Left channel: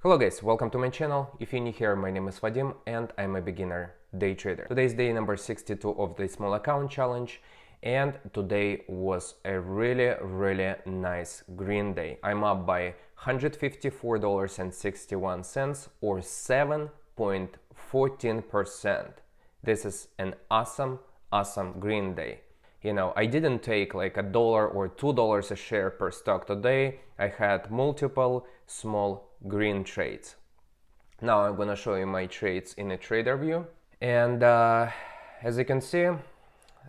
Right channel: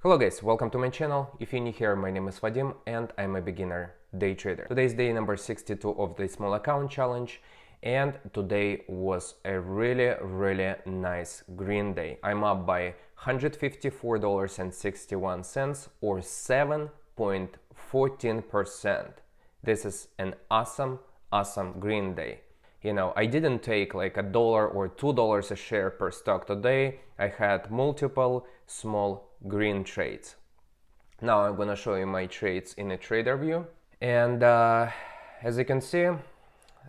Hello guys, welcome to my channel. If you're new here, my name is Vadim and I'm a beginner day trader. Today is day number 62 of the small account challenge, and today was a really nice green day. I'm up by $154.61 or 7.14%. This is an awesome green day. You know, I didn't take like $1 or $2 a share per stock today. I had multiple small green trades. Now I'm gonna show you my trades in a trader view, and as you can see,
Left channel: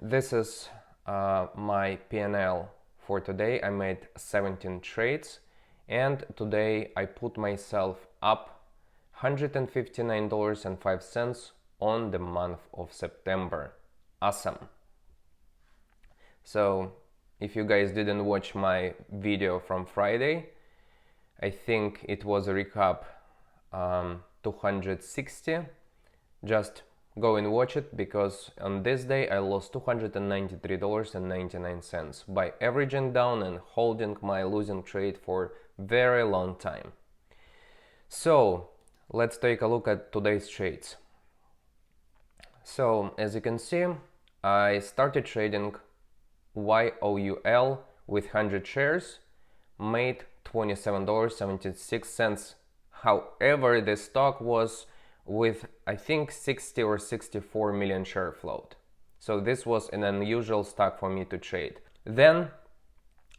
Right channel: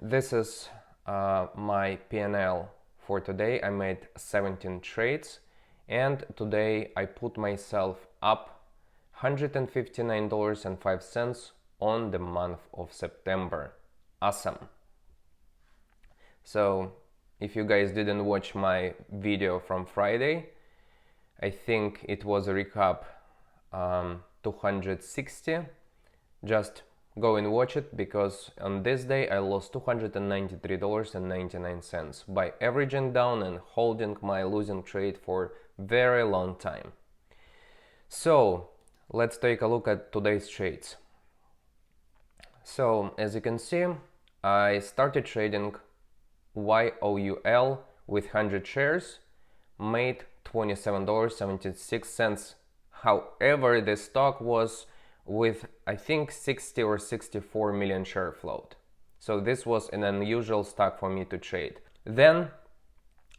this is my P&L for today. I made 17 trades, and today I put myself up $159.05 on the month of September. Awesome. So if you guys didn't watch my video from Friday, I think it was a recap 260. Just go and watch it, because on this day I lost $293.99 by averaging down and holding my losing trade for very long time. So let's take a look at today's trades. So as you can see, I started trading YOUL with 100 shares, made $27.76. However, the stock was with I think 60 or 64 million share float. So this was an unusual stock for me to trade. Then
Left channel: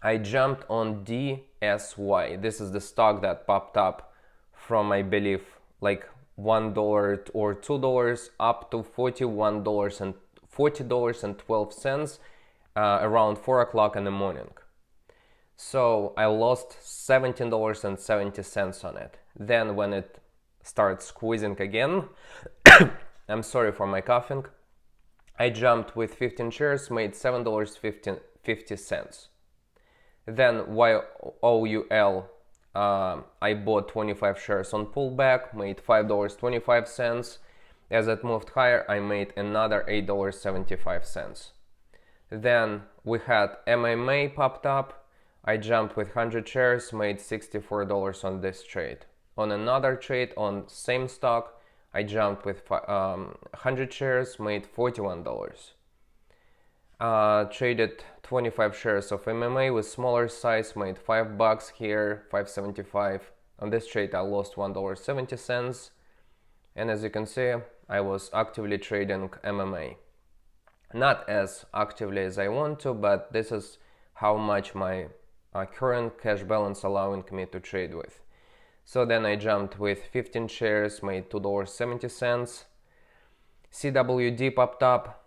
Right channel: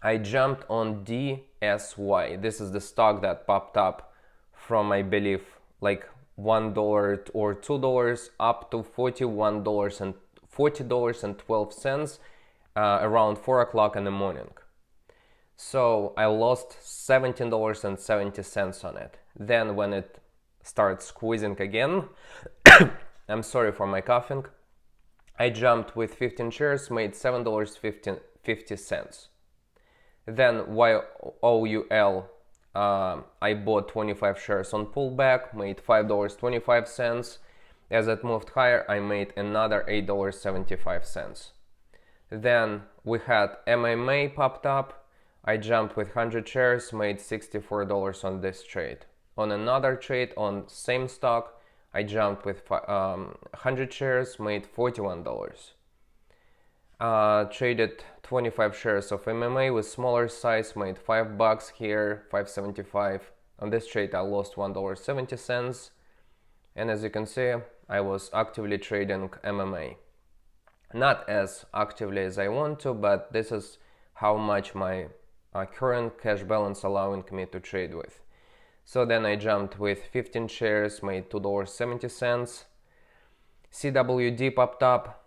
I jumped on DSY. This is the stock that popped up from, I believe, like $1 or $2 up to $40.12 around 4 o'clock in the morning. So I lost $17.70 on it. Then when it starts squeezing again, I'm sorry for my coughing, I jumped with 15 shares, made $7.50. Then YOUL, I bought 25 shares on pullback, made $5.25. As it moved higher, I made another $8.75. Then we had MMA popped up. I jumped with 100 shares, made $64 on this trade. On another trade on same stock, I jumped with 100 shares, made $41. Traded 25 shares of MMA with smaller size, made $5 here, $5.75. On this trade I lost $1.70. And as you can see, I was actively trading MMA. Not as actively as I want to, but this is how much my current cash balance allowing me to trade with. So then I jumped with 15 shares, made $2.70. CWD popped up.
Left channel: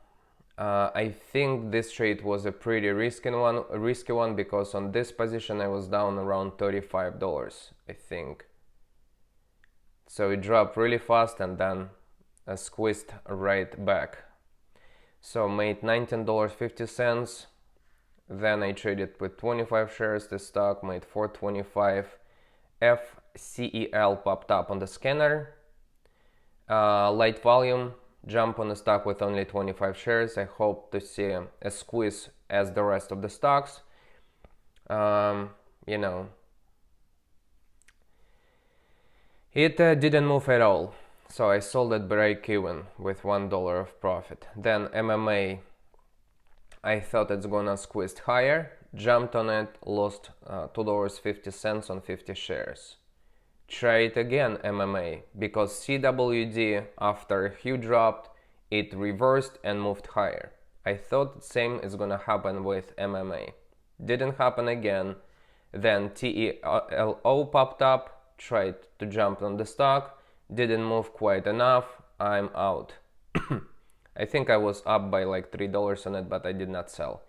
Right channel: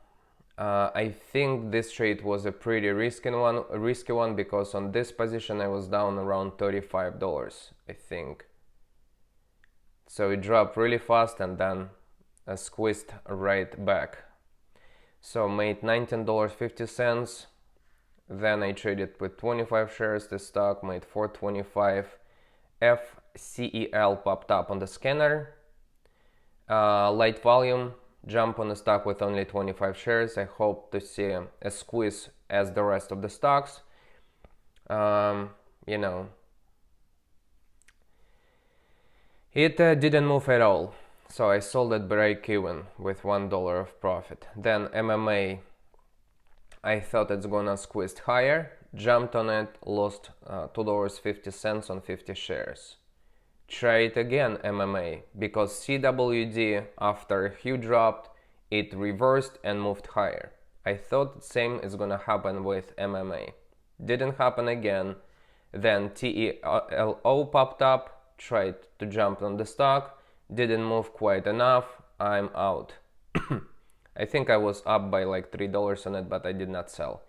I think this trade was a pretty risky one, because on this position I was down around $35, I think. So it dropped really fast and then squeezed right back. So made $19.50. Then I traded with 25 shares. The stock made $4.25. FCEL popped up on the scanner. Light volume, jump on the stock with only 25 shares. I hope to see a squeeze as the rest of the stocks. You know, it didn't move at all. So I sold at break even with $1 of profit. Then MMA, I thought it's gonna squeeze higher, jumped on it, lost $2.50 on 50 shares. Try it again, MMA, because CWD, after a huge drop, it reversed and moved higher. I thought the same is gonna happen with MMA. Didn't happen again. Then TELO popped up, tried to jump on the stock, didn't move quite enough, I'm out. I think I was up by like $3 on it, but I did not sell.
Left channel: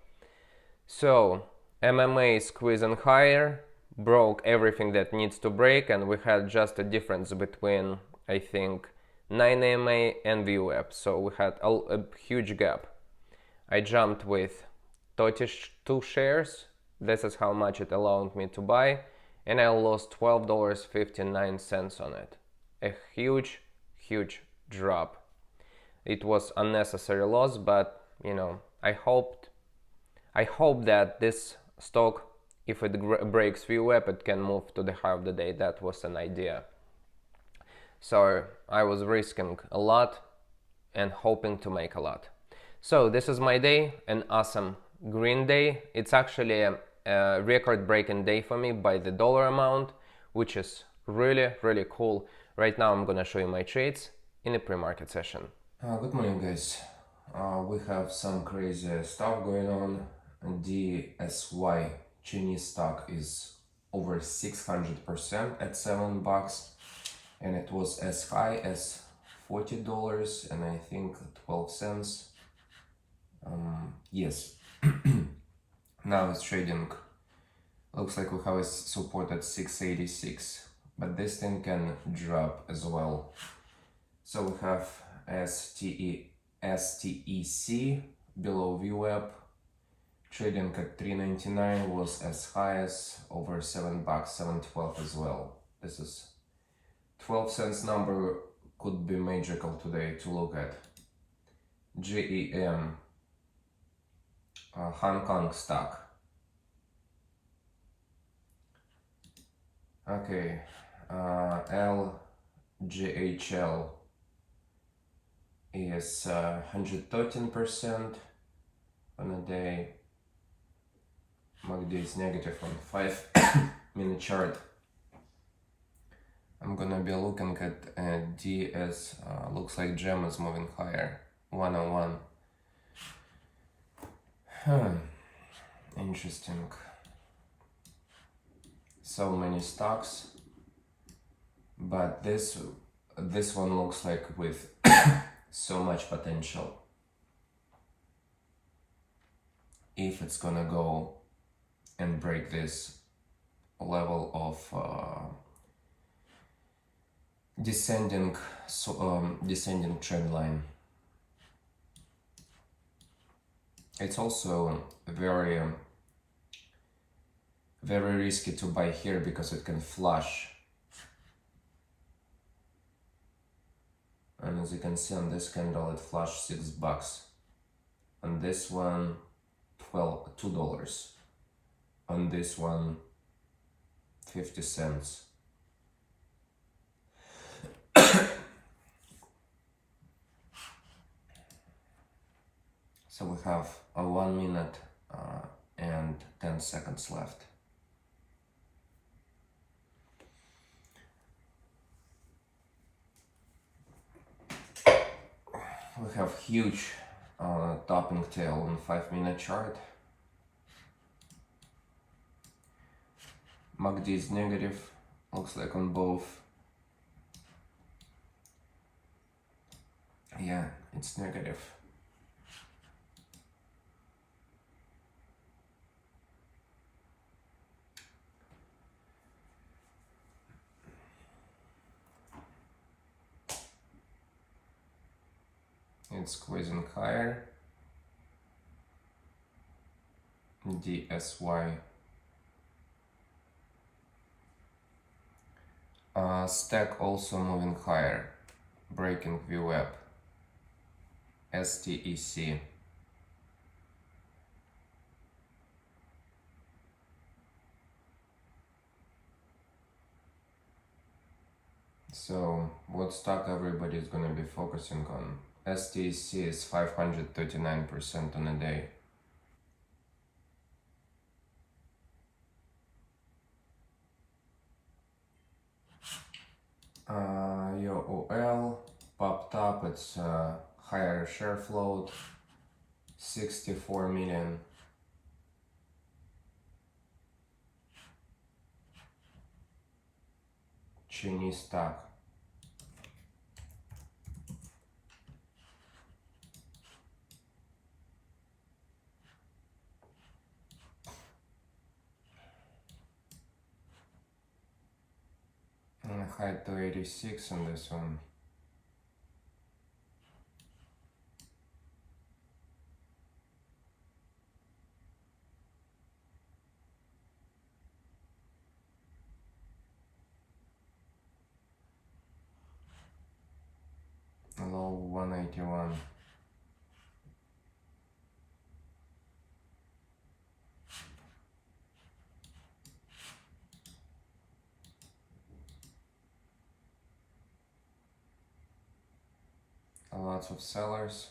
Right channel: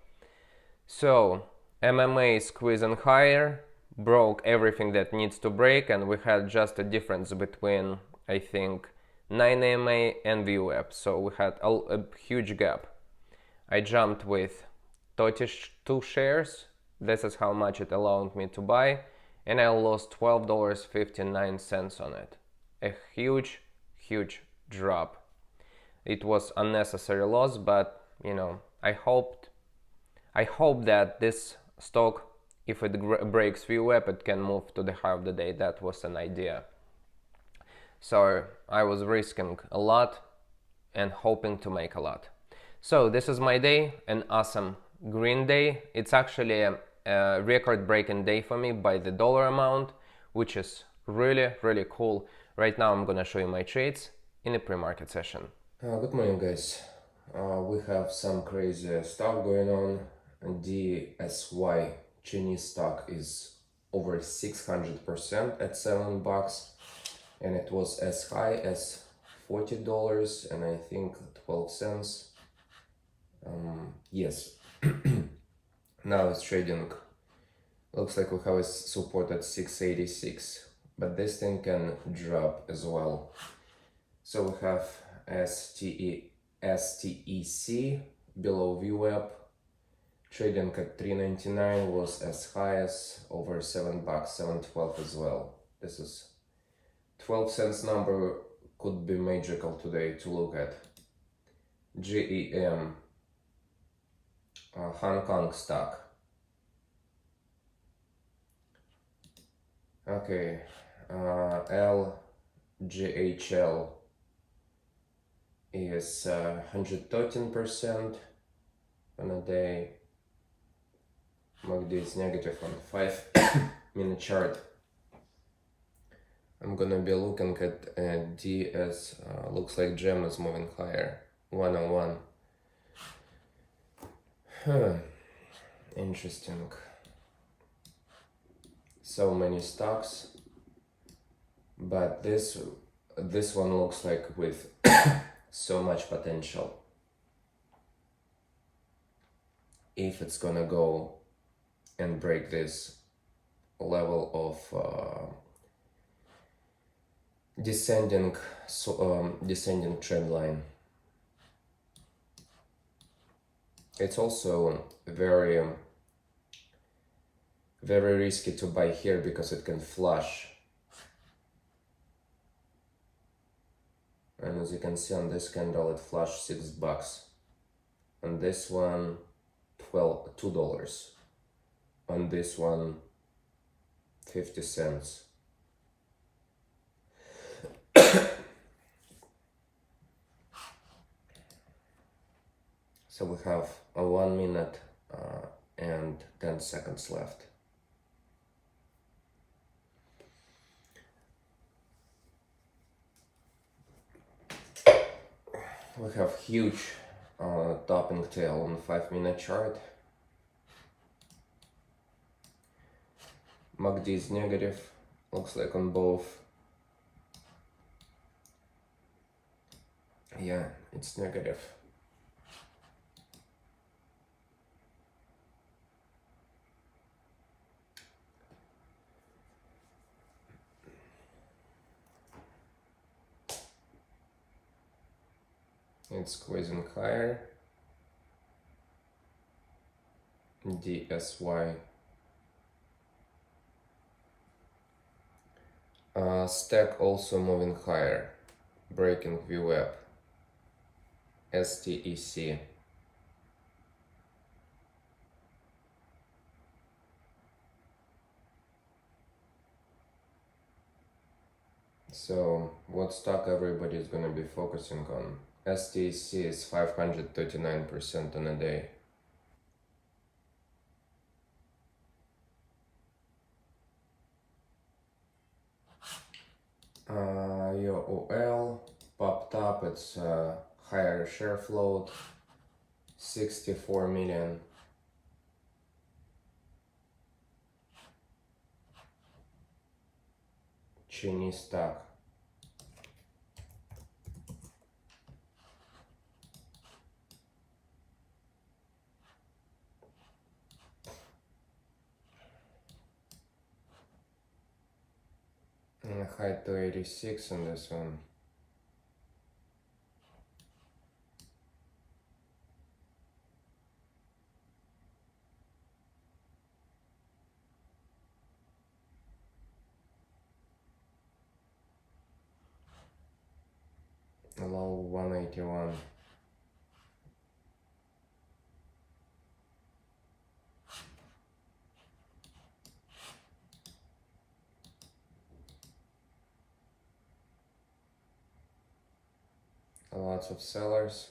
So MMA squeezing higher, broke everything that needs to break, and we had just a difference between, I think, 9 EMA and VWAP. So we had a huge gap. I jumped with 32 shares. This is how much it allowed me to buy, and I lost $12.59 on it. A huge drop. It was unnecessary loss, but you know, I hope that this stock, if it breaks VWAP, it can move to the high of the day. That was an idea. So I was risking a lot and hoping to make a lot. So this is my day, an awesome green day. It's actually a record-breaking day for me by the dollar amount, which is really cool. Right now I'm gonna show you my trades in a pre-market session. Good morning, guys. We have some crazy stuff going on. DSY Chinese stock is over 600% at $7, and it was as high as $40 and I think 12 cents. Yes. Now it's trading. Looks like we have a support at 686, but this thing can drop as well. So we have STEC below VWAP, trading at 399, was as high as over $7, 712 as well. This is 12 cents number, could be magical today to look at. GEM, Hong Kong stock. Okay, LGHL is 113% on a day. MACD is negative on 5-minute chart. I'm gonna be looking at DS. Looks like GEM is moving higher. 101. Interesting. So many stocks, but this one looks like with so much potential. If it's gonna go and break this level of descending trend line. It's also very risky to buy here because it can flush. And as you can see on this candle, it flushed $6. On this one, $2. On this one, 50 cents. So we have a 1 minute and 10 seconds left. We have huge topping tail on 5-minute chart. MACD is negative, looks like on both. Yeah, it's negative. It's squeezing higher. DSY. Stack also moving higher, breaking VWAP. STEC. So what stock everybody is gonna be focusing on? STEC is 539% on a day. YOL popped up, it's higher share float, 64 million. Chinese stock. And high to 86 on this one. Low 181. lots of sellers.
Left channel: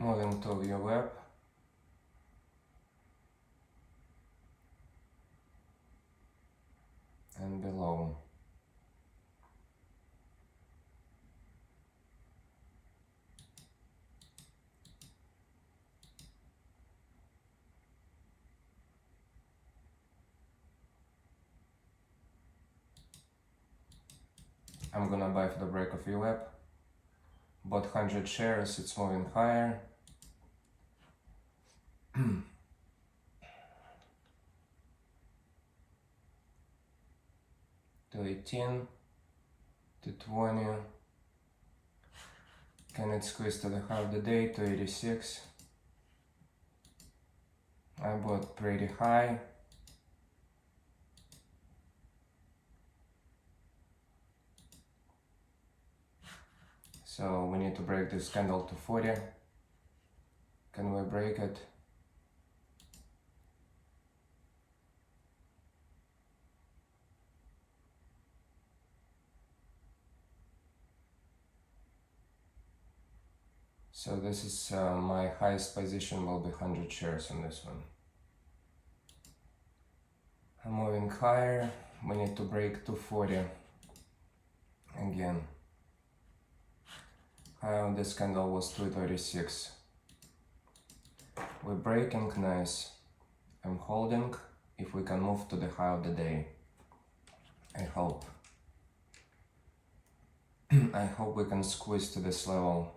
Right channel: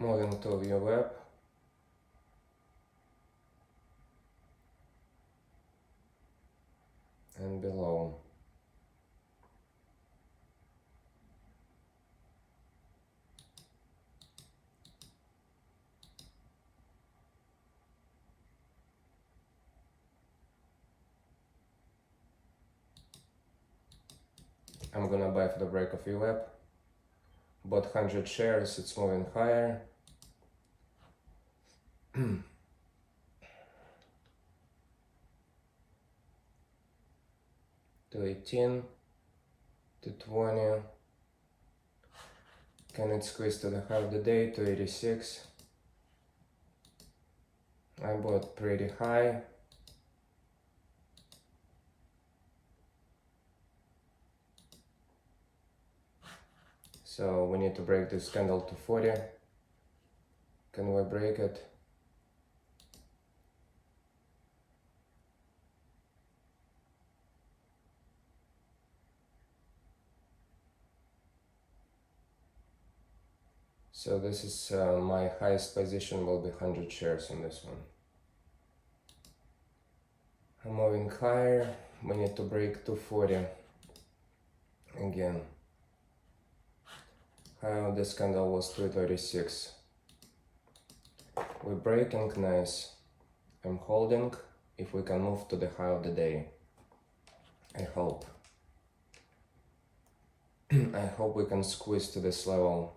Moving to view web. And below. I'm gonna buy for the break of VWAP. Bought 100 shares, it's moving higher. 218, 220. Can it squeeze to the high of the day? 286. I bought pretty high. So we need to break this candle to 40. Can we break it? So this is my highest position will be 100 shares on this one. I'm moving higher. We need to break 240 again. High of this candle was 236. We're breaking, nice. I'm holding. If we can move to the high of the day, I hope. I hope we can squeeze to this level.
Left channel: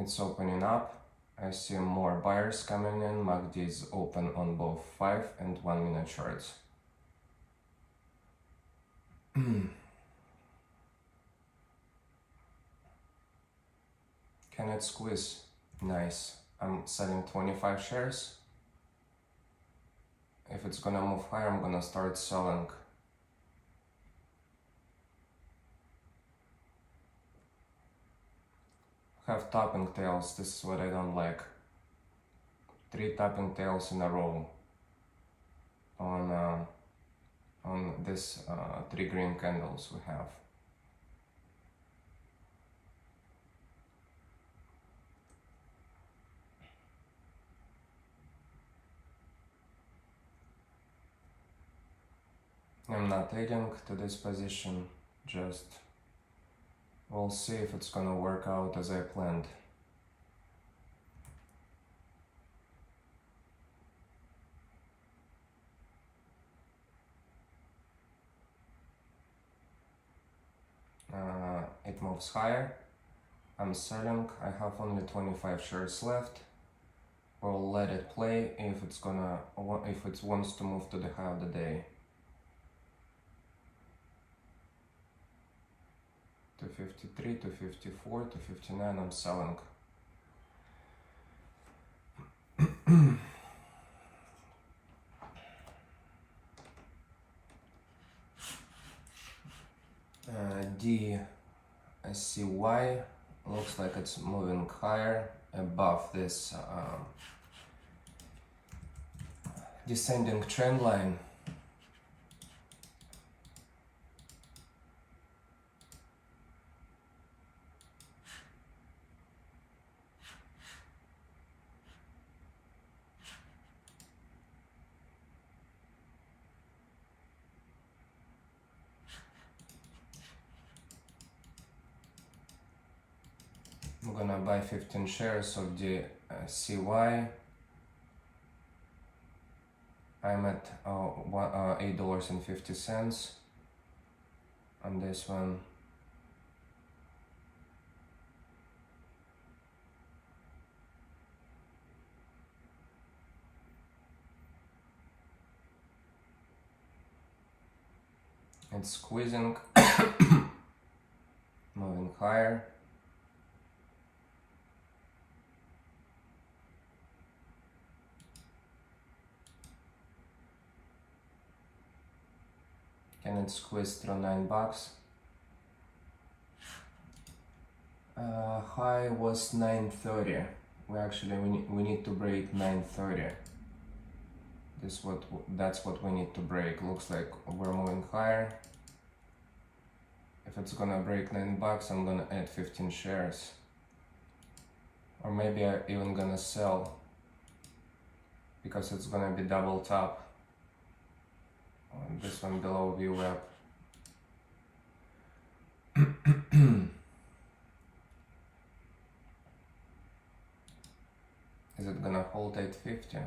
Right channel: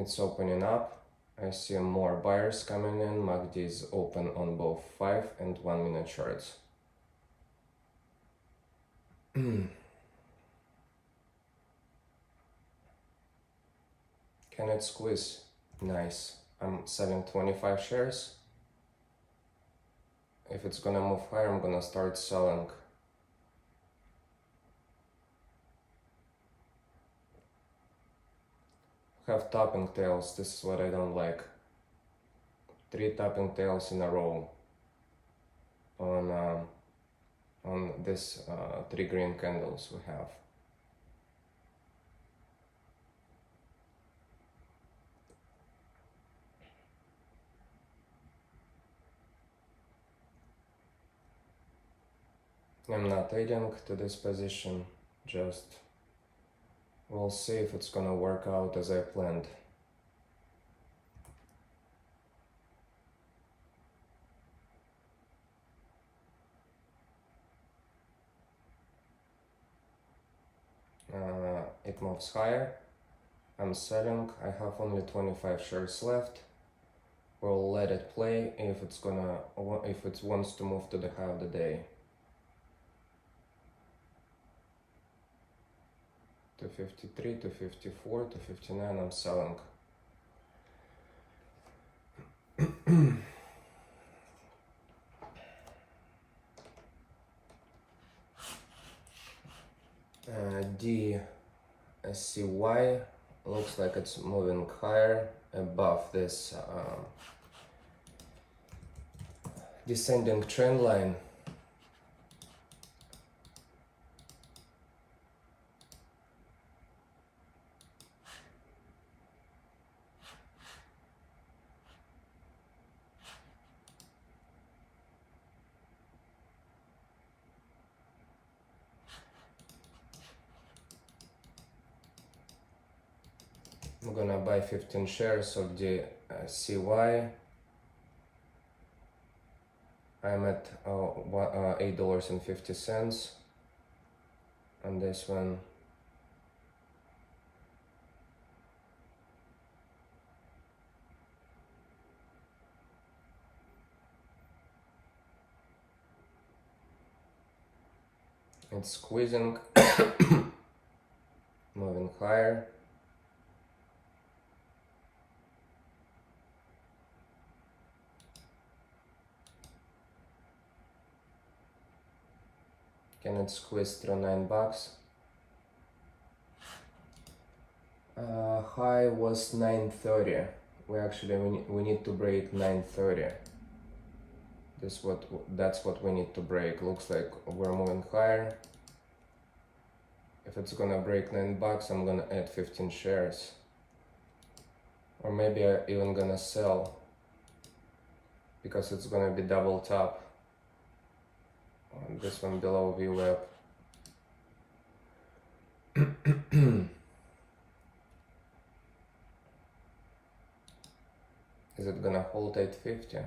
It's opening up. I see more buyers coming in. MACD is open on both 5 and 1 minute charts. Can it squeeze? Nice. I'm selling 25 shares. If it's gonna move higher, I'm gonna start selling. Have topping tails. This is what I don't like. 3 topping tails in a row on this 3 green candles we have. I'm not adding to this position, just we'll see if it's gonna work out as I planned. It moves higher. I'm selling. I have only 25 shares left. We'll let it play if it wants to move to the high of the day. 253, 254, 259, I'm selling. DCY looks like it's moving higher above this descending trend line. I'm gonna buy 15 shares of the CY. I'm at $8.50 on this one. It's squeezing, moving higher. Can it squeeze through $9? High was 930. We need to break 930. That's what we need to break. Looks like we're moving higher. If it's gonna break $9, I'm gonna add 15 shares. Or maybe I'm even gonna sell, because it's gonna be double top on this one below VWAP. Is it gonna hold 850?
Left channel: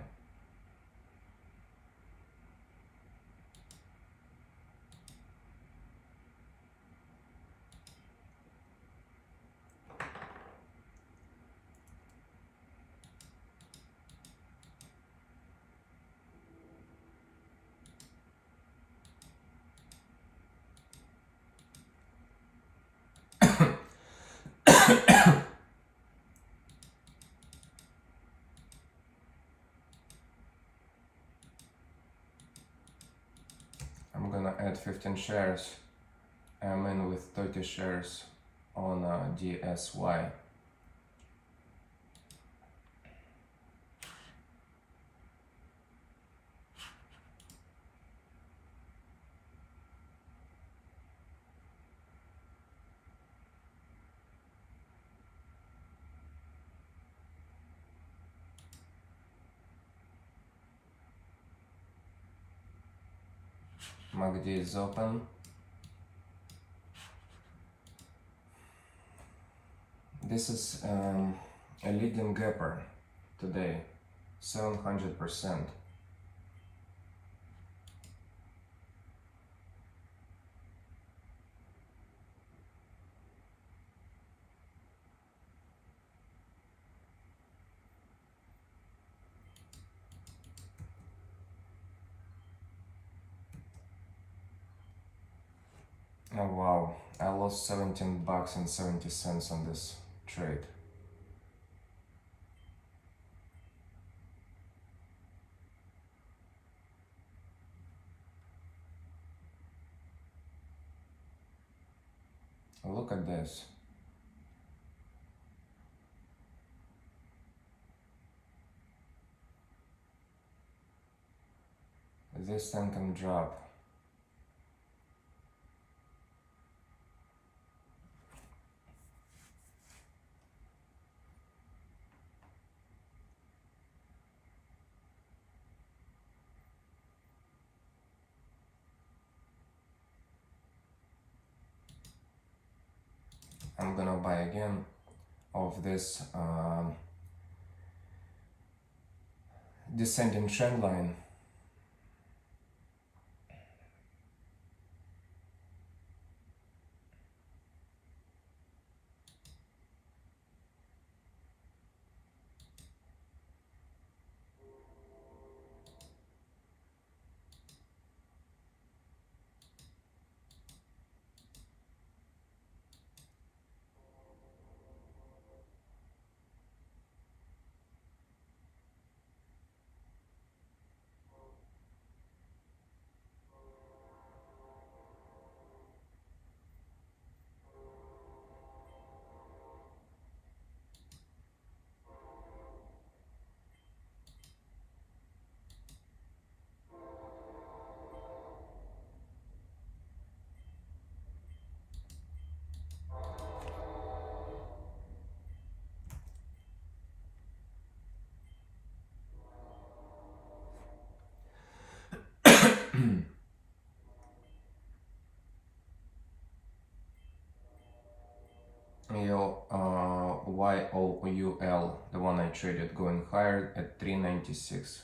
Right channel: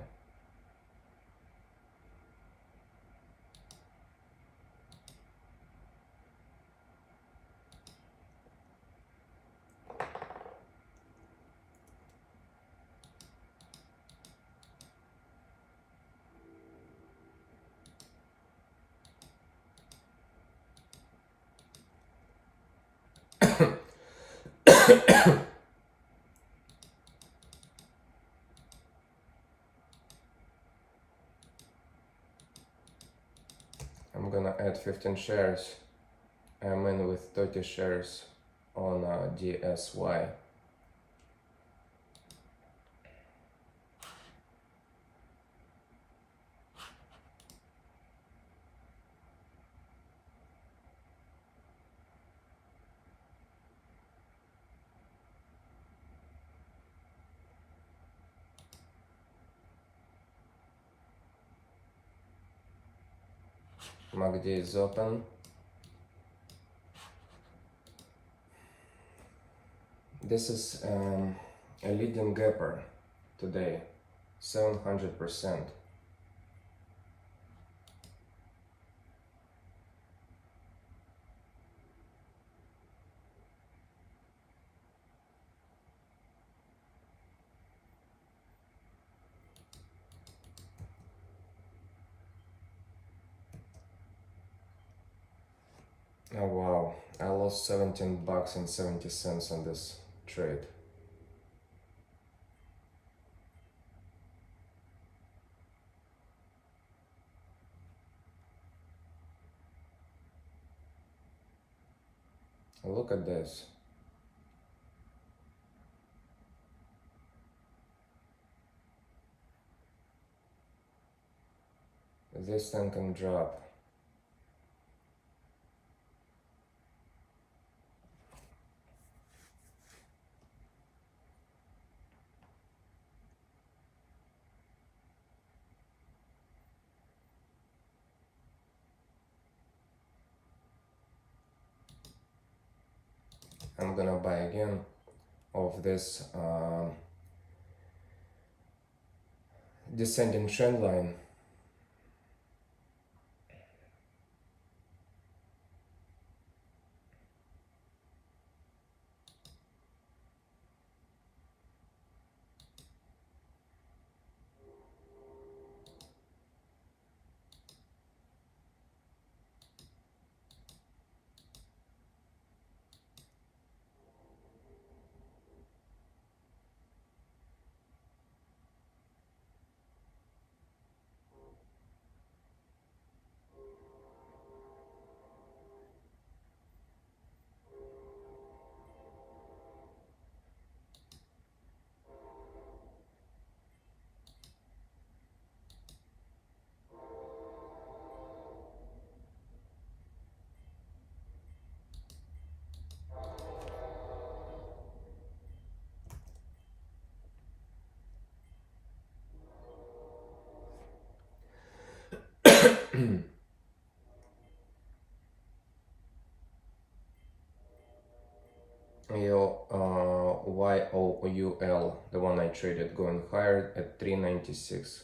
I'm gonna add 15 shares. I'm in with 30 shares on DSY. MACD is open. This is a leading gapper today, 700%. Oh wow, I lost $17.70 on this trade. Look at this. This thing can drop. I'm gonna buy again of this descending trend line. YOUL, the one I traded, going higher at 396.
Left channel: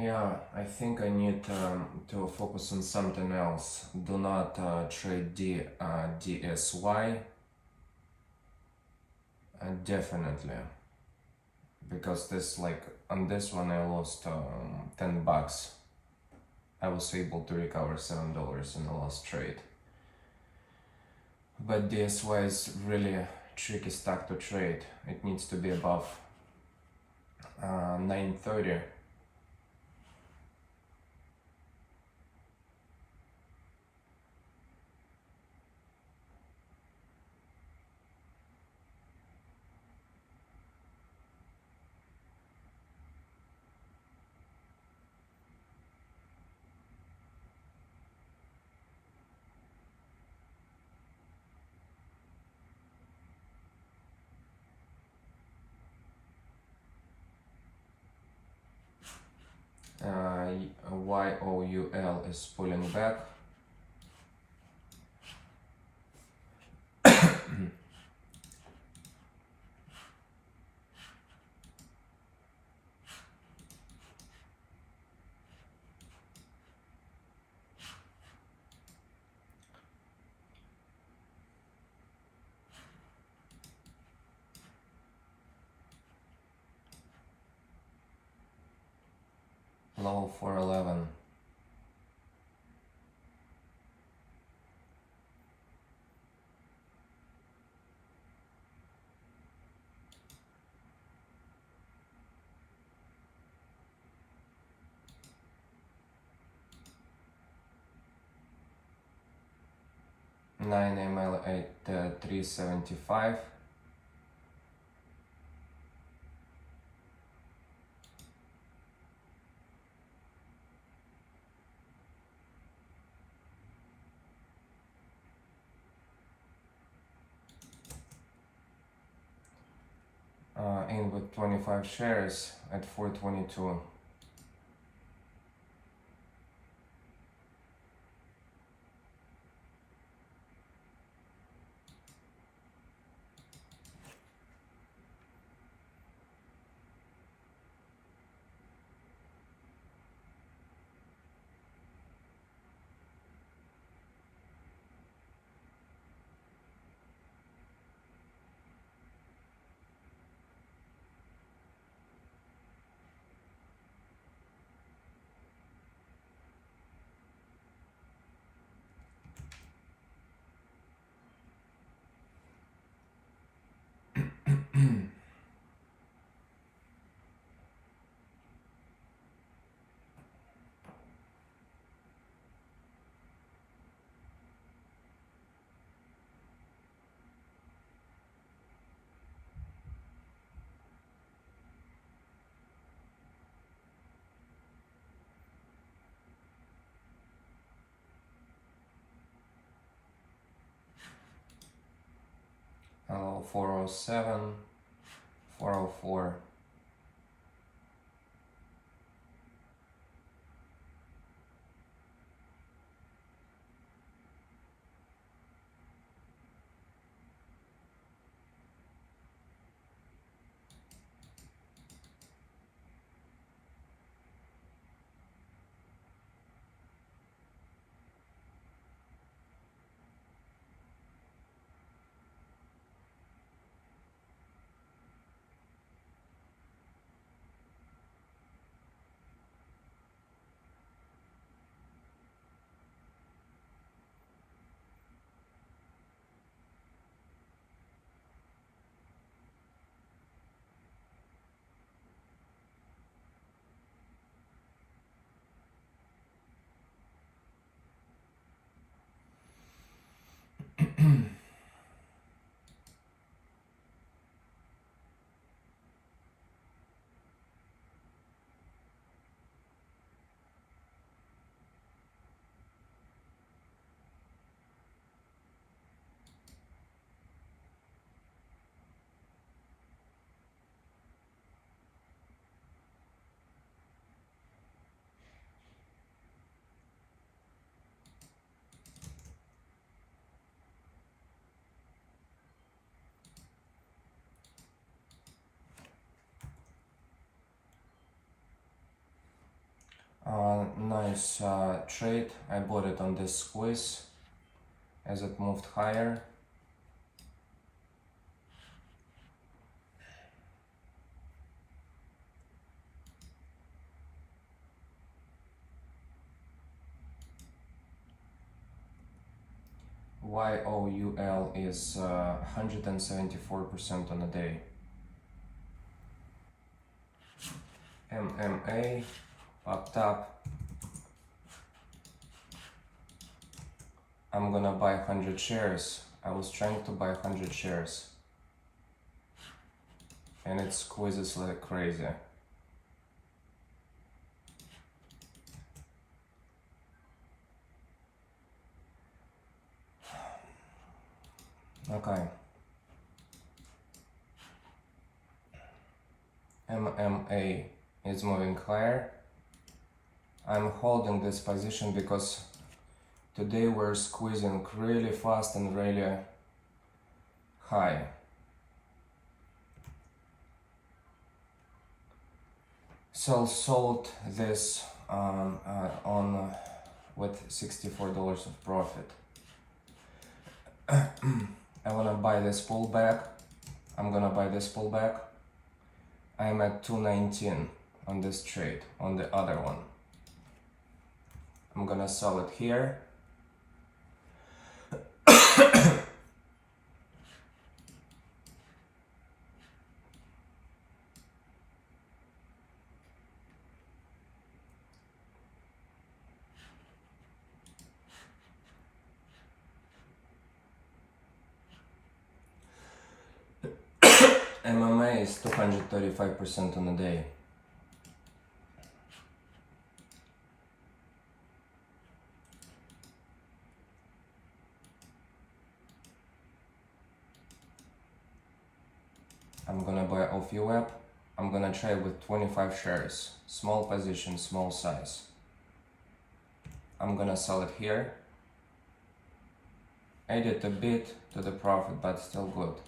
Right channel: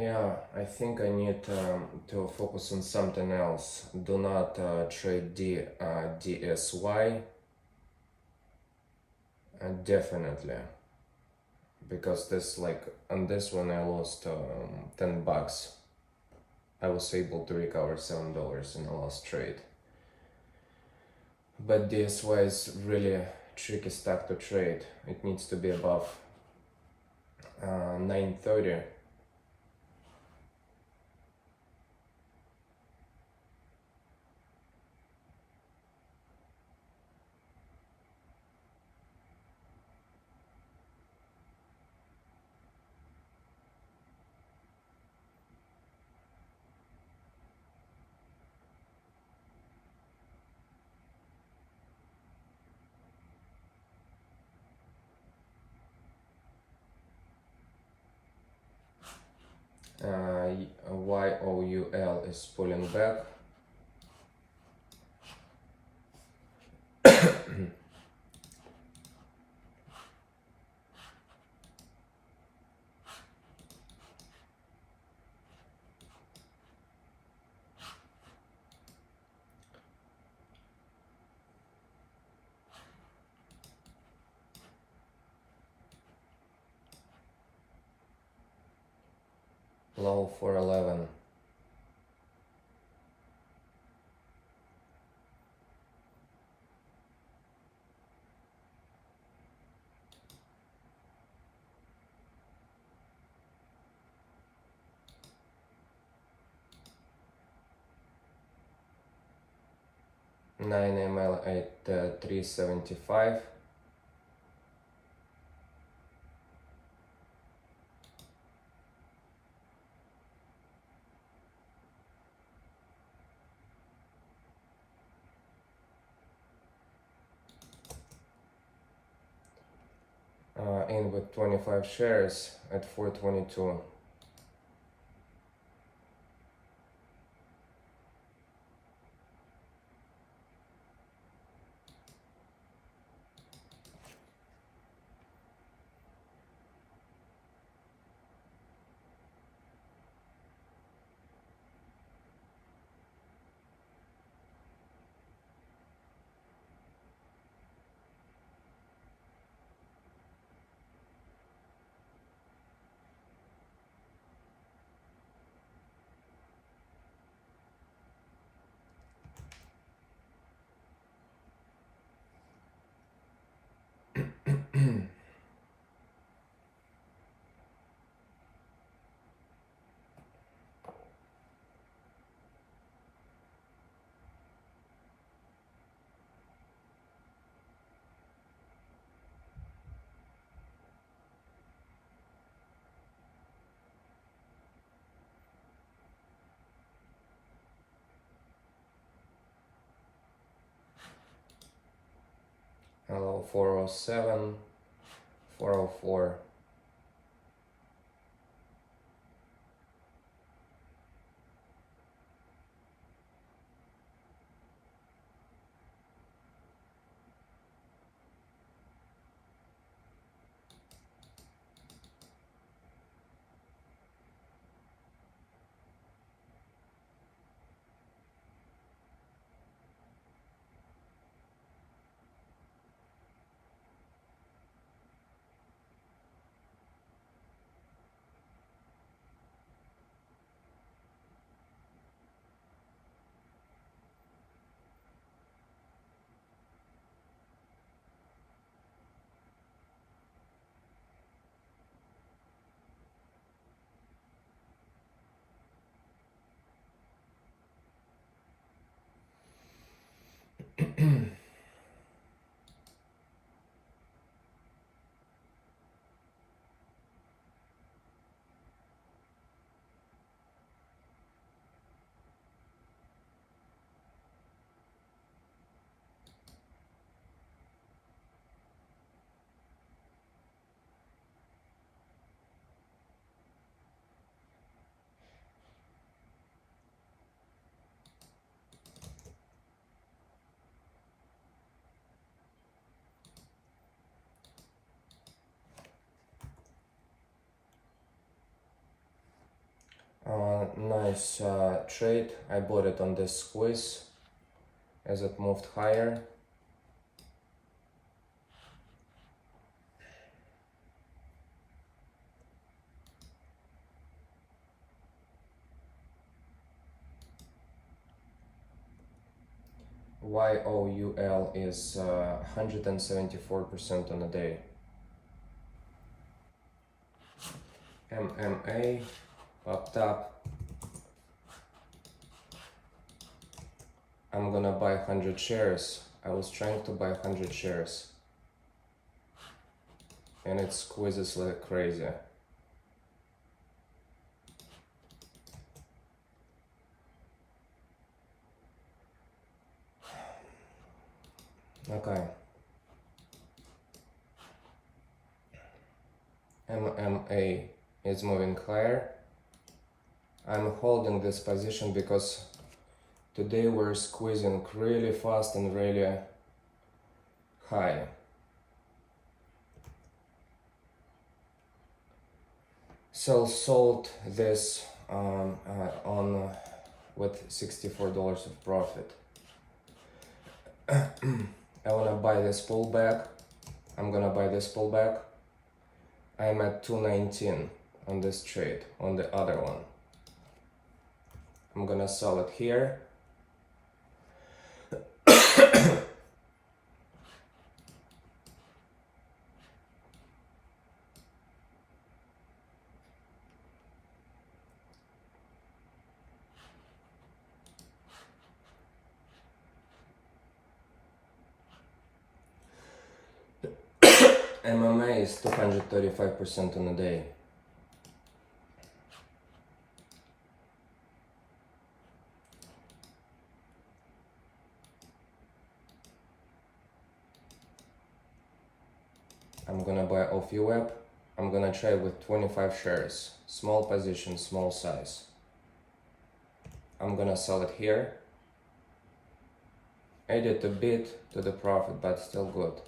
Yeah, I think I need to focus on something else. Do not trade DSY, definitely, because this, like, on this one I lost $10. I was able to recover $7 in the last trade. But DSY is really tricky stock to trade. It needs to be above 930. YOUL is pulling back. Low 411. Nine ML at 375. In with 25 shares at 422. So 407, 404. Nice trade. I bought it on this squeeze as it moved higher. YOUL is 174% on a day. MMA up top. I'm gonna buy 100 shares. I was trying to buy 100 shares and it squeezes like crazy. Okay. MMA is moving higher. I'm holding this position because today we're squeezing really fast and really high. So sold this on with $64 of profit. I wanna buy this pullback. I'm gonna buy this pullback. I'm at 219 on this trade, on the other one. I'm gonna sell it here. MMA is 235% on a day. I'm gonna buy off UWeb. I'm gonna trade with 25 shares. Small position, small size. I'm gonna sell it here. Added a bit to the profit, but still good.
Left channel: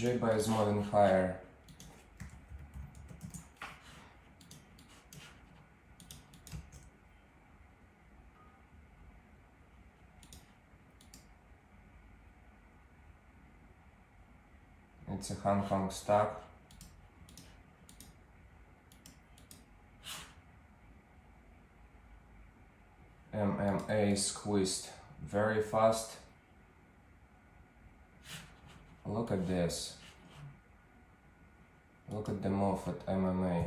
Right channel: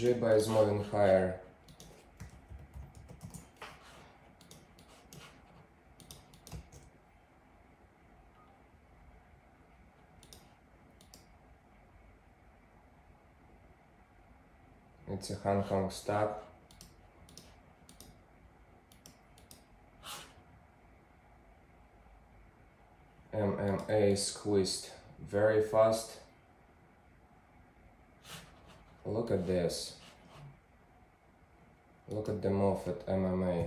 JIBA is moving higher. It's a Hong Kong stock. MMA squeezed very fast. Look at this. Look at the move at MMA.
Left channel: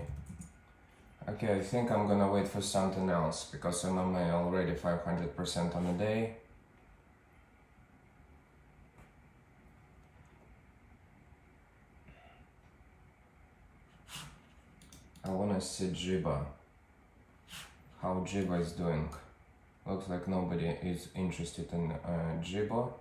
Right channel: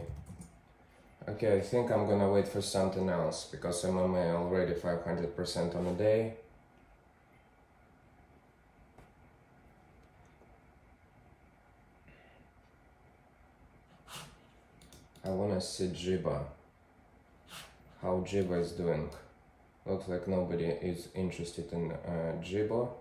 Okay, I think I'm gonna wait for something else because MMA already 500% on a day. I wanna see JIBA. How JIBA is doing. Looks like nobody is interested in JIBA.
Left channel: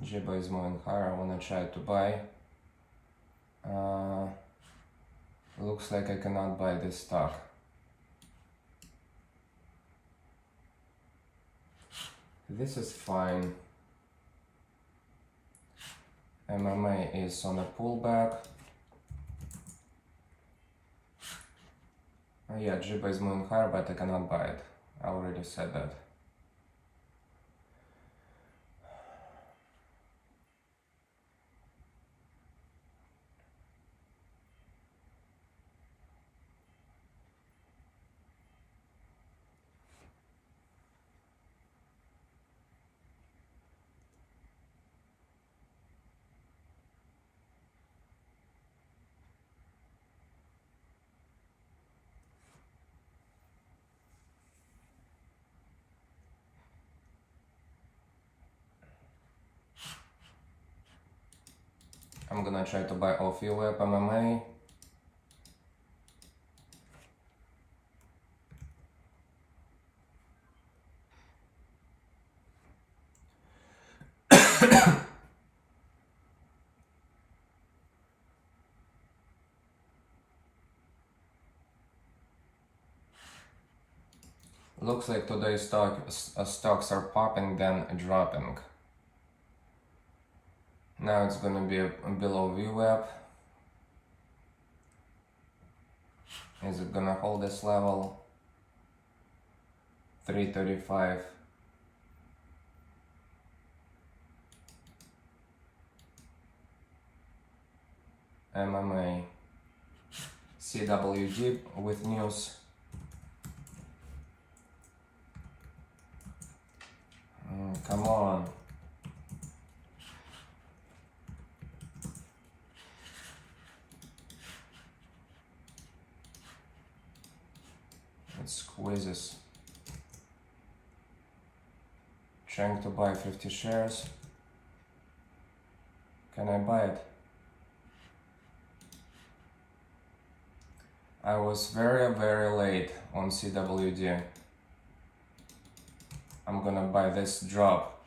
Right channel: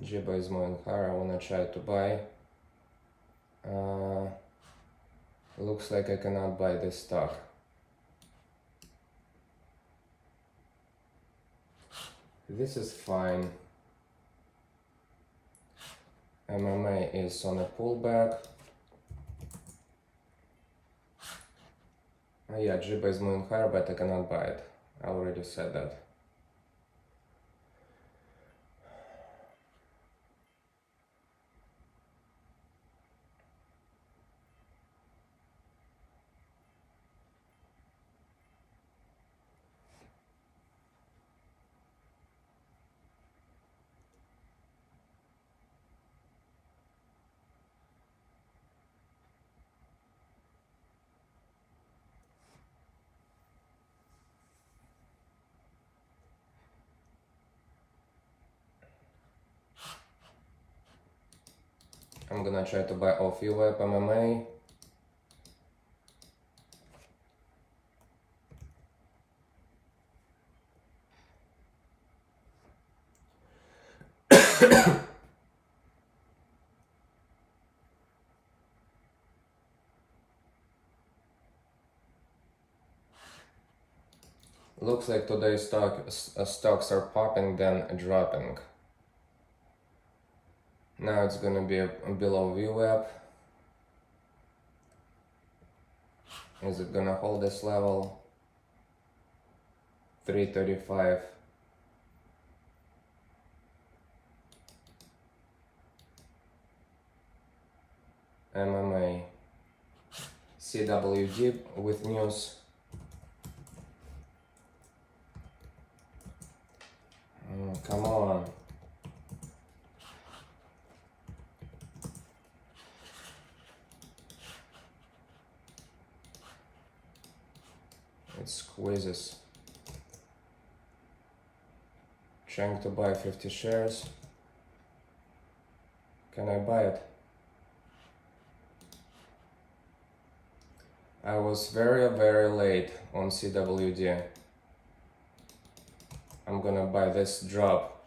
JIBA is moving higher. I wanna try to buy. Looks like I cannot buy this stock. This is fine. MMA is on a pullback. Yeah, JIBA is moving higher, but I cannot buy it. I already said that. I'm gonna try to buy off UWeb MMA. Looks like today's stocks are popping then dropping. Now it's gonna be below VWAP. Is it gonna hold this level? 335. MMA. CWD with news. Come on. It squeezes. Trying to buy 50 shares. Can I buy it? I was very late on CWD. I'm gonna buy this drop.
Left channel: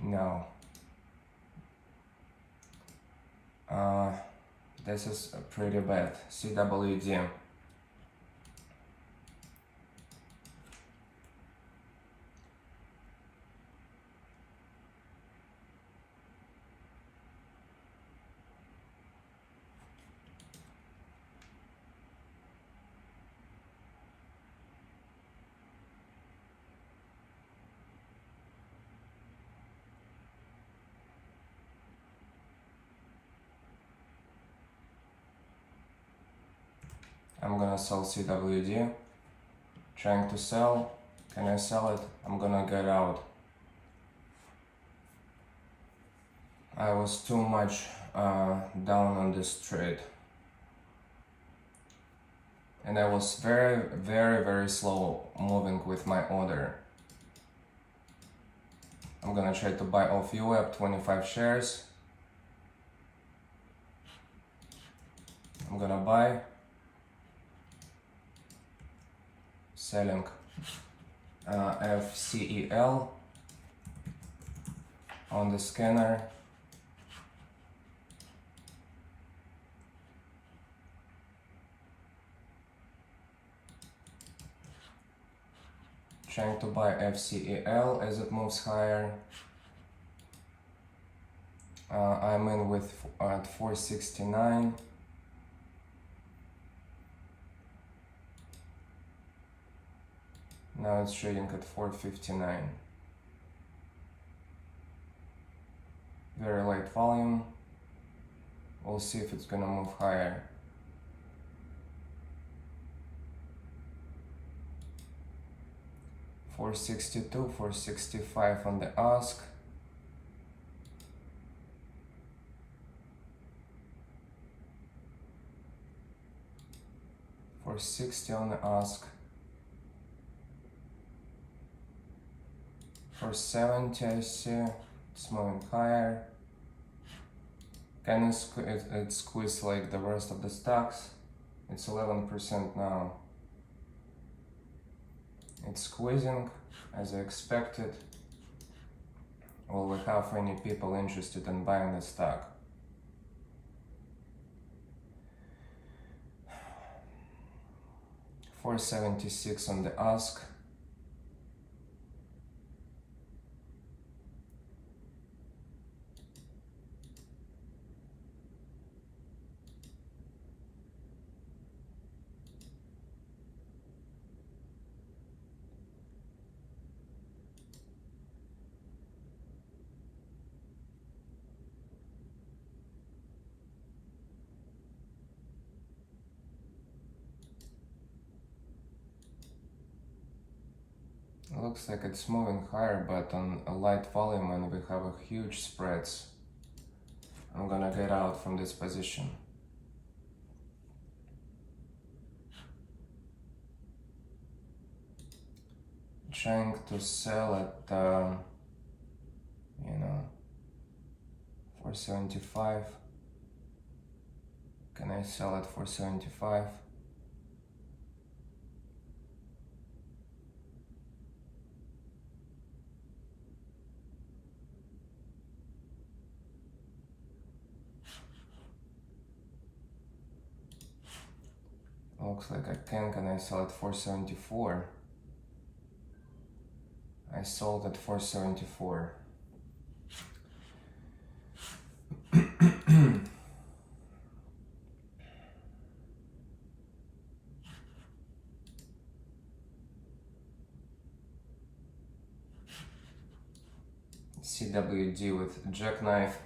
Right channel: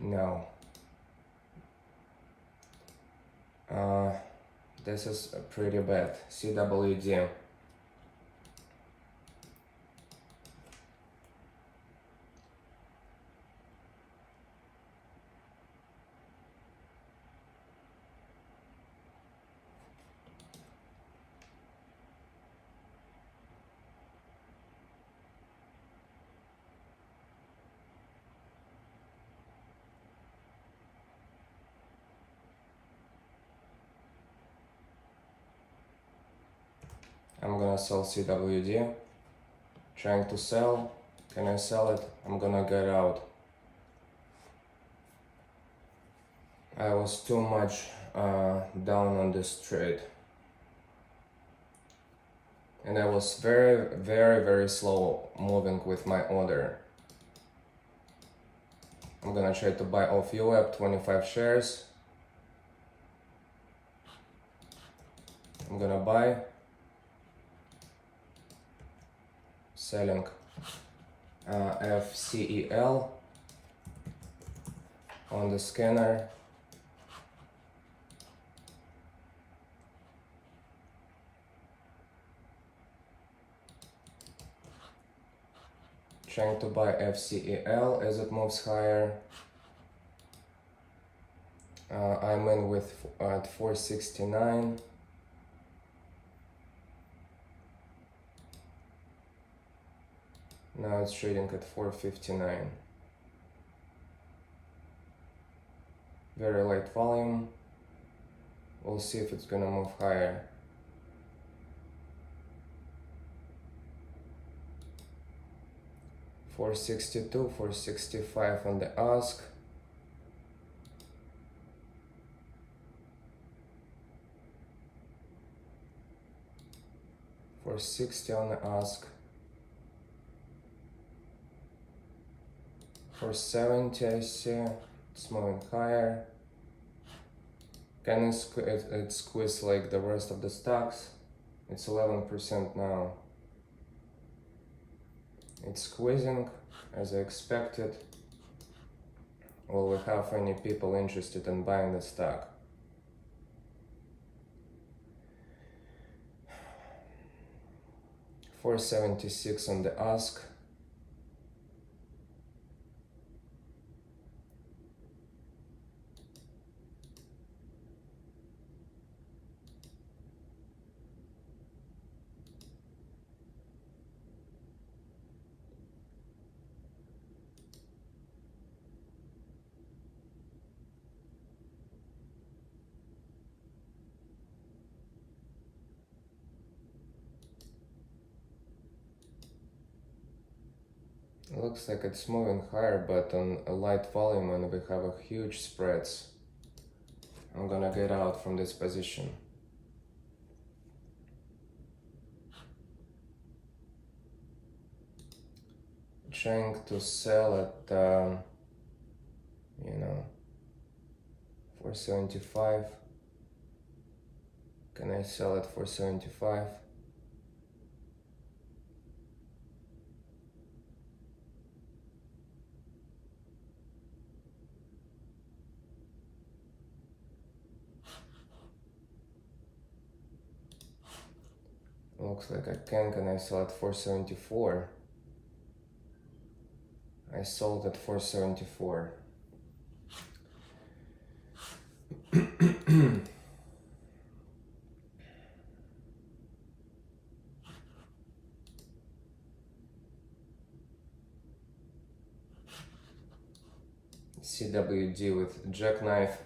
No. This is pretty bad. CWD. I'm gonna sell CWD. Trying to sell. Can I sell it? I'm gonna get out. I was too much down on this trade, and I was very slow moving with my order. I'm gonna try to buy off UAP 25 shares. I'm gonna buy, selling FCEL on the scanner. Trying to buy FCEL as it moves higher. I'm in with at 469. Now it's trading at 459. Very light volume. We'll see if it's gonna move higher. $462, $465 on the ask. $460 on the ask. $470 I see. It's moving higher. Can it squeeze like the rest of the stocks? It's 11% now. It's squeezing as I expected. Will we have any people interested in buying the stock? $476 on the ask. It looks like it's moving higher, but on a light volume, and we have a huge spreads. I'm gonna get out from this position. Trying to sell at 475. Can I sell at 475? Looks like I can. Can I sell at 474? I sold at 474. CWD with jackknife.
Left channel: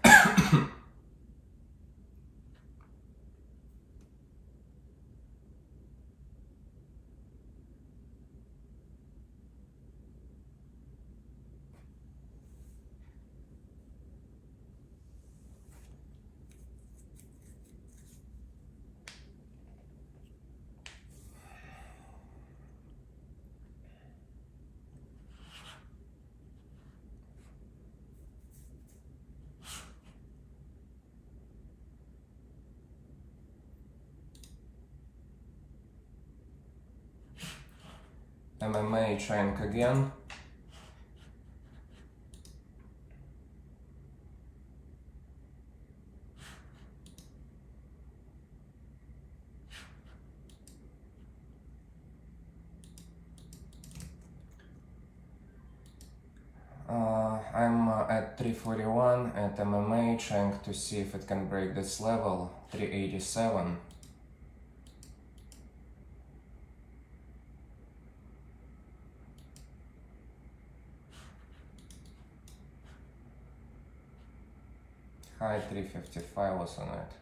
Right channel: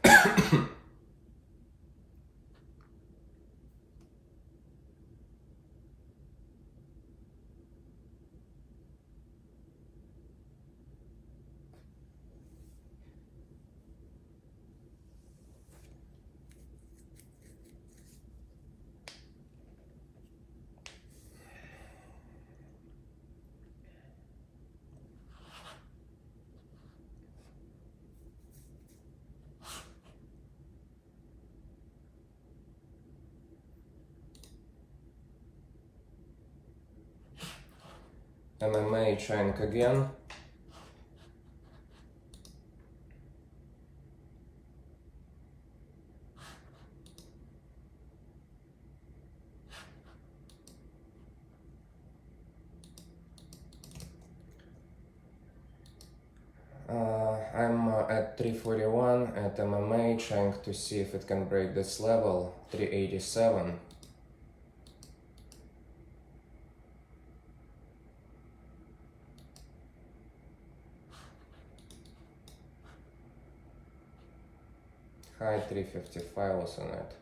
MMA trying again. I'm at 341 at MMA, trying to see if it can break this level, 387. High 355 was on it.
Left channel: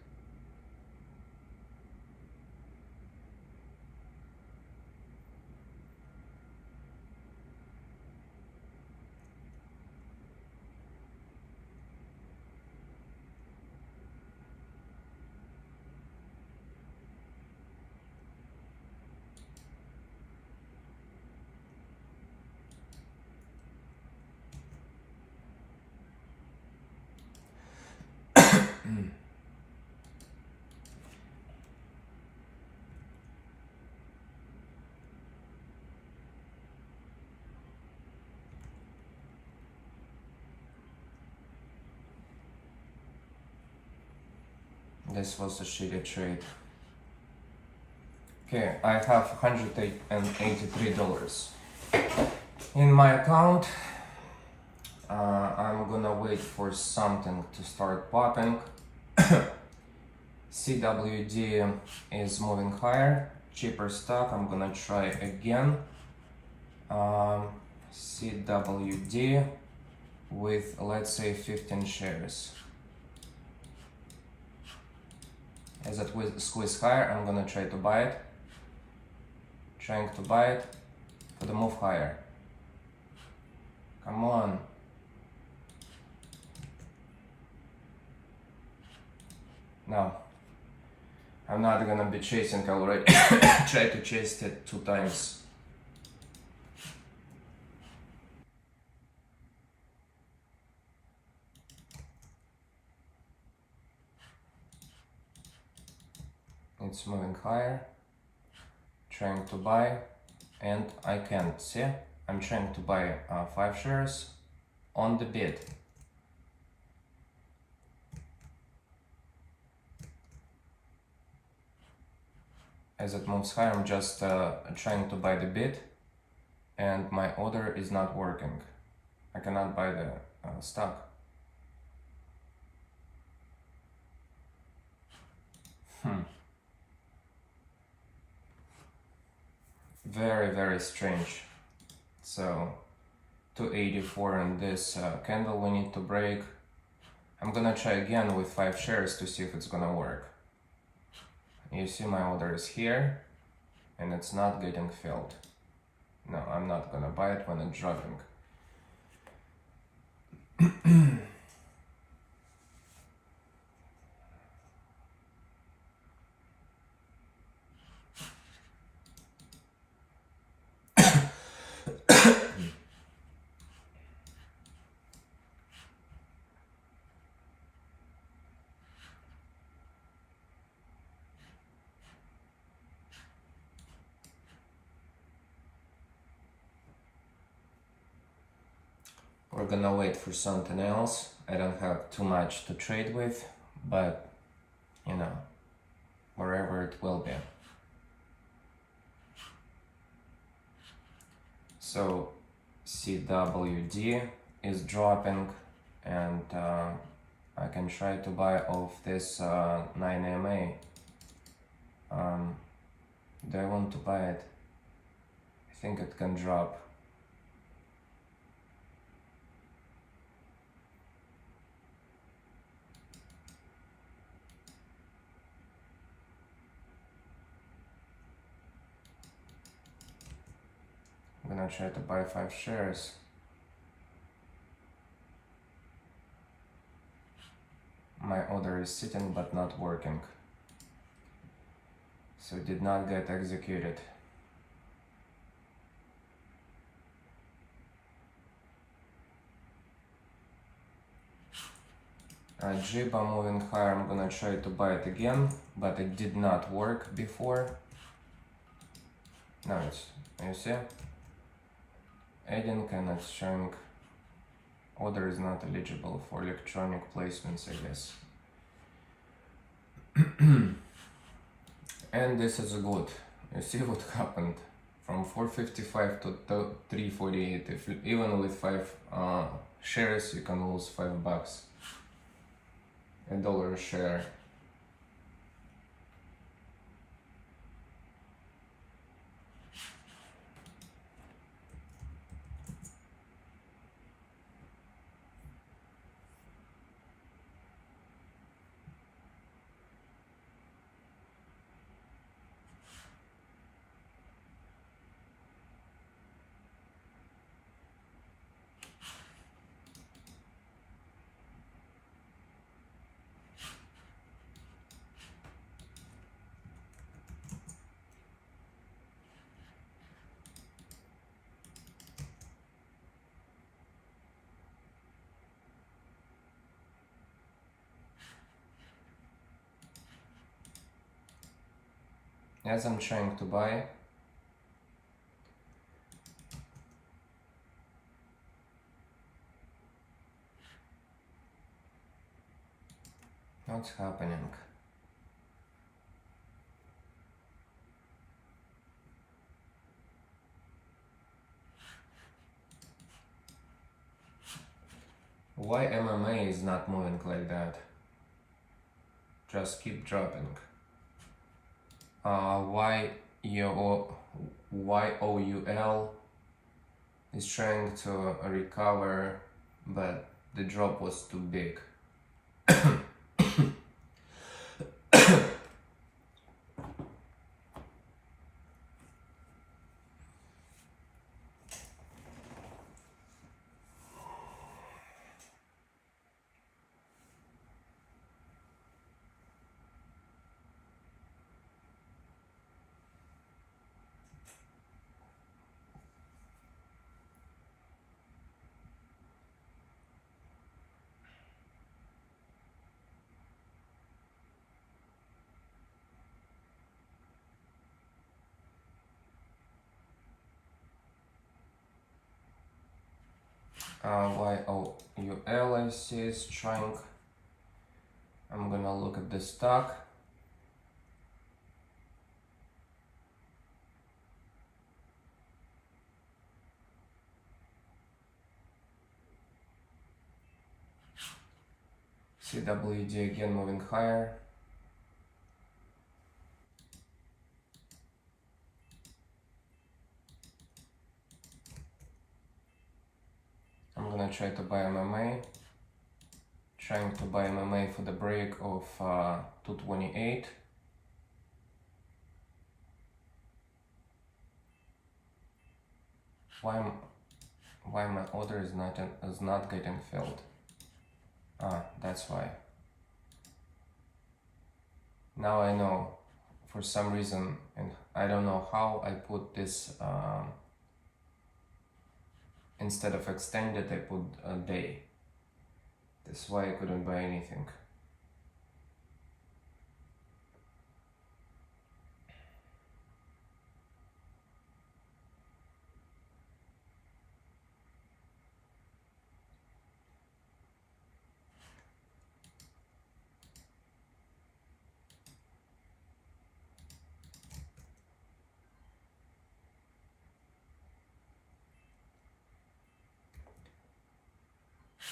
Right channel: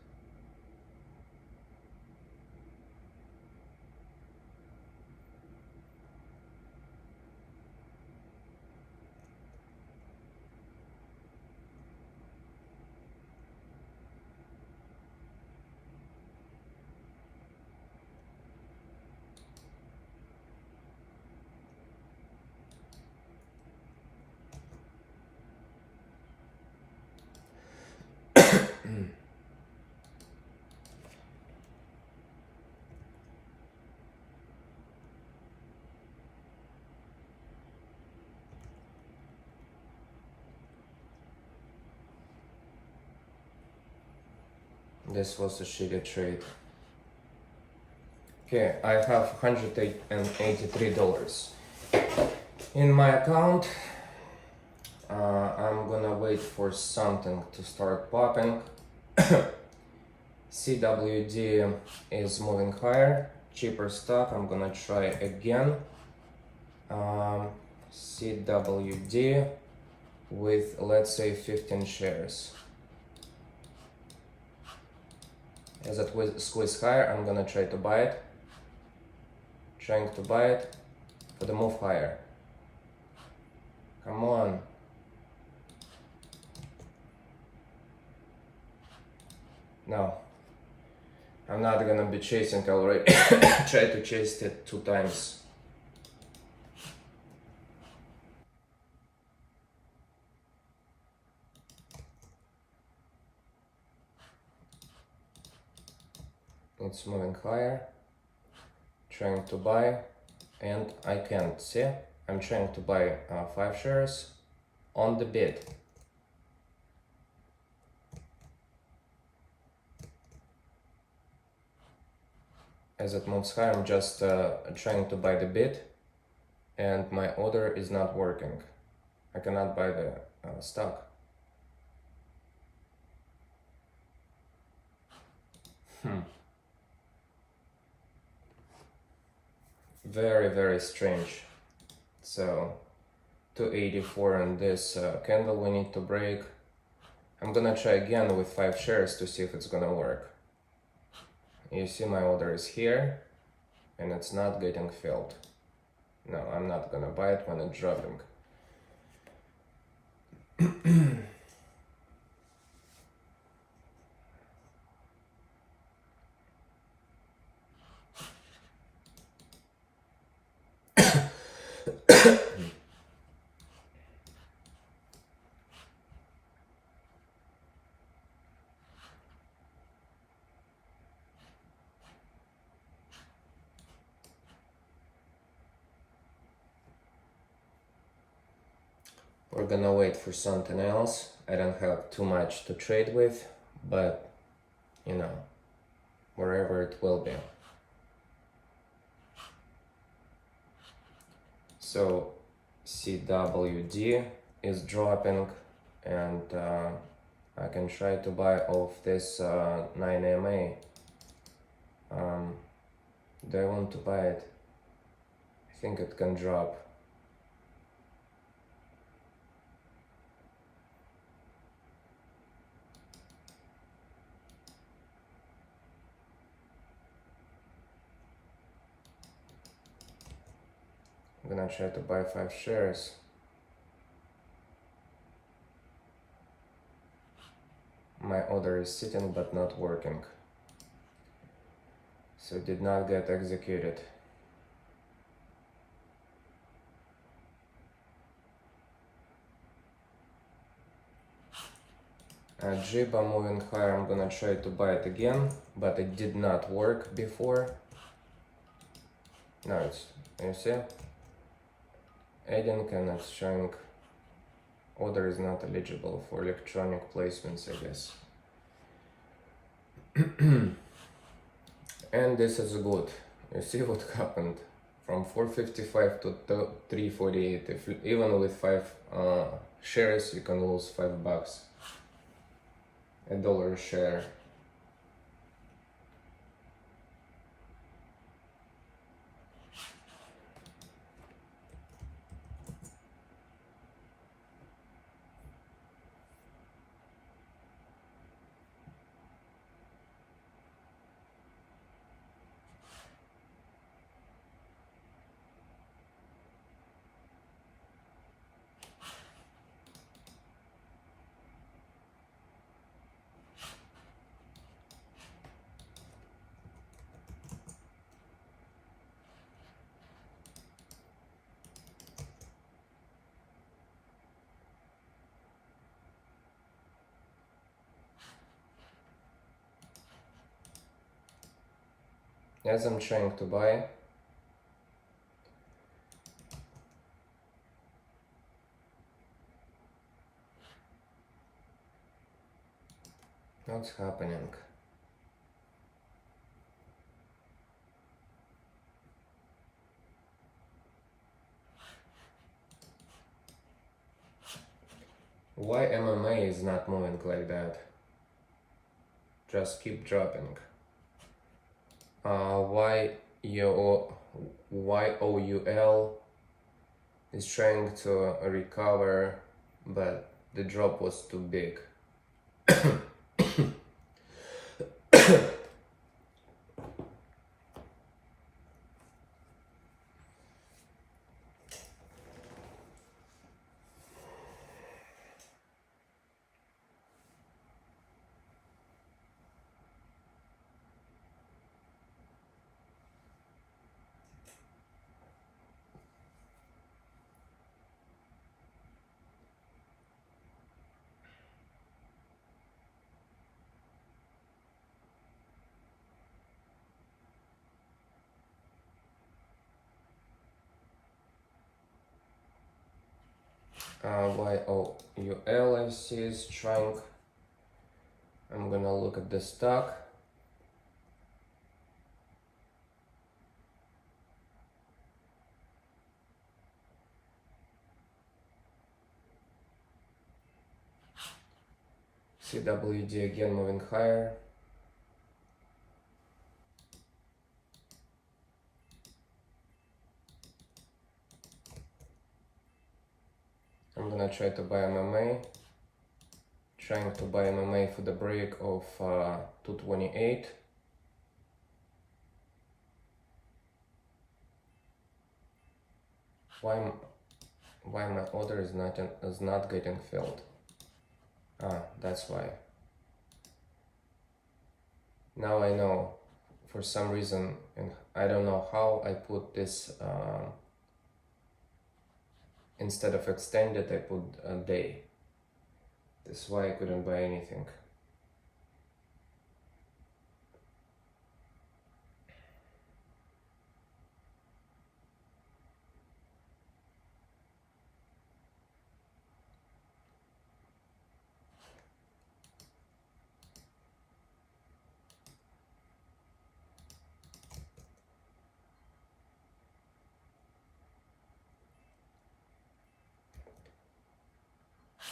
This was a shitty trade. Okay, I have $183 in my account. I'm gonna wait for something to start popping. CWD is moving higher, cheaper stock. I'm gonna try again. CWD with, let's say, 15 shares. As it will squeeze higher, I'm gonna try to buy it. Trying to buy it for the move higher. Come on. No. I'm not gonna be chasing already. Try to chase it 2 times. It's moving higher. Trying to buy, and I can't see. I'm trying to buy 5 shares on the bid. As it moves higher, I'm just trying to buy the bid, and my order is not working. I cannot buy the stock. Very, very strange. So 284 in this candle we need to break. I'm gonna try again with 5 shares to see if it's gonna work. You see my order is here and it's not getting filled. No, I'm not gonna buy it when it's dropping. We're gonna wait for something else. I don't have too much to trade with, but you know, wherever it will be. So CWD is dropping, and I can try to buy off this 9MA. Do I want to buy it? I think it can drop. I'm gonna try to buy 5 shares. My order is sitting but not working. So it did not get executed. JIBA moving higher, I'm gonna try to buy it again, but it did not work before. Now it's, you see? Adding and it's showing order is not eligible for electronic placements, I guess. And this is good. You see what happened from 455 to 348. If even with 5 shares, you can lose $5, $1 a share. As I'm trying to buy, what's happening? Why MMA is not moving like that? Just keep dropping. Why YOUL is trying to recover, but the drop was too big. YOUL I see is trying. I'm gonna look at the stock. CWD again moving higher. I'm gonna try to buy MMA. Trying to buy MMA for the break of 228. Why my order is not getting filled? That's why. Now I know. For some reason, and I don't know how, I put this instead of extended, I put a day. That's why I couldn't buy anything.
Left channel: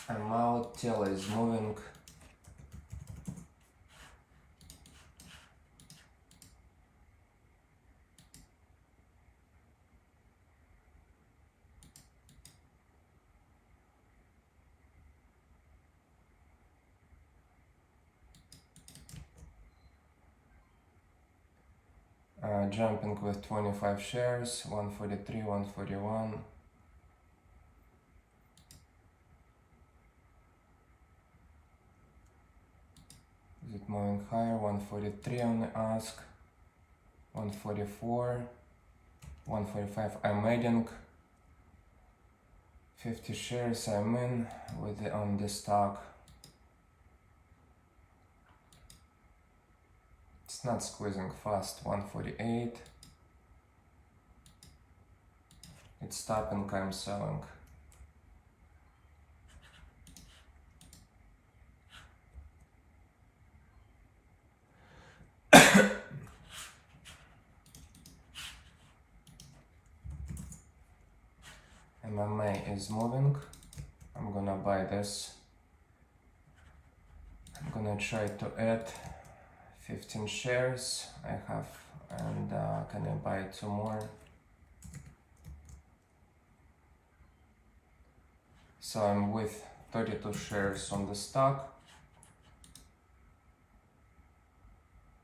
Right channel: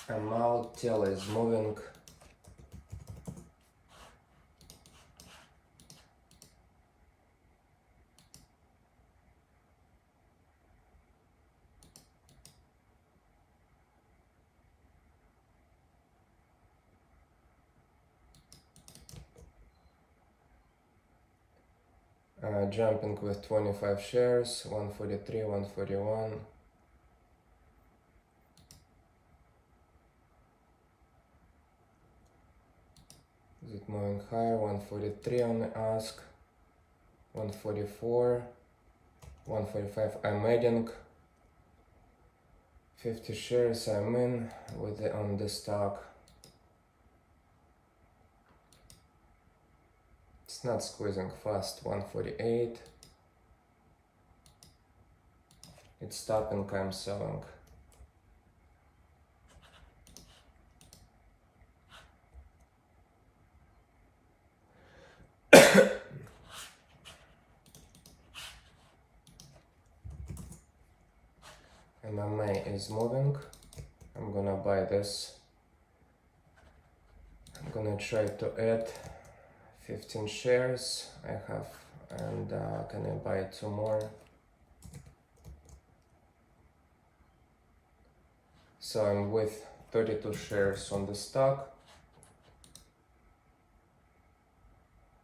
I'm out, tail is moving. Jumping with 25 shares, 143, 141. Is it moving higher? 143 on the ask, 144, 145. I'm adding 50 shares. I'm in with on the stock. It's not squeezing fast. 148. It's stopping. I'm selling. MMA is moving. I'm gonna buy this. I'm gonna try to add 15 shares I have, and can I buy 2 more? So I'm with 32 shares on the stock.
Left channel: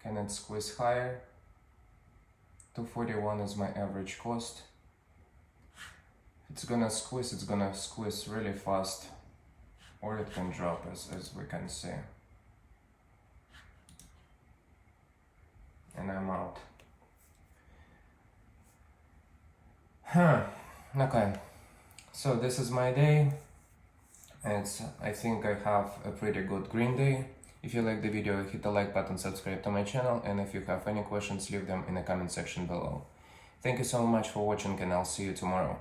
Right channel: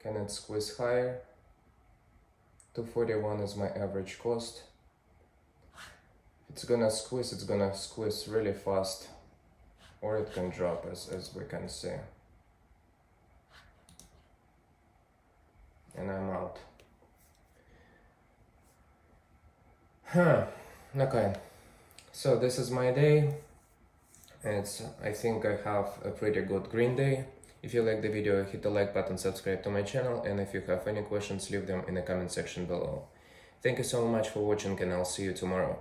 Can it squeeze higher? 241 is my average cost. It's gonna squeeze really fast, or it can drop as we can see. And I'm out. Okay, so this is my day. I think I have a pretty good green day. If you like the video, hit the like button, subscribe to my channel, and if you have any questions, leave them in the comment section below. Thank you so much for watching, and I'll see you tomorrow.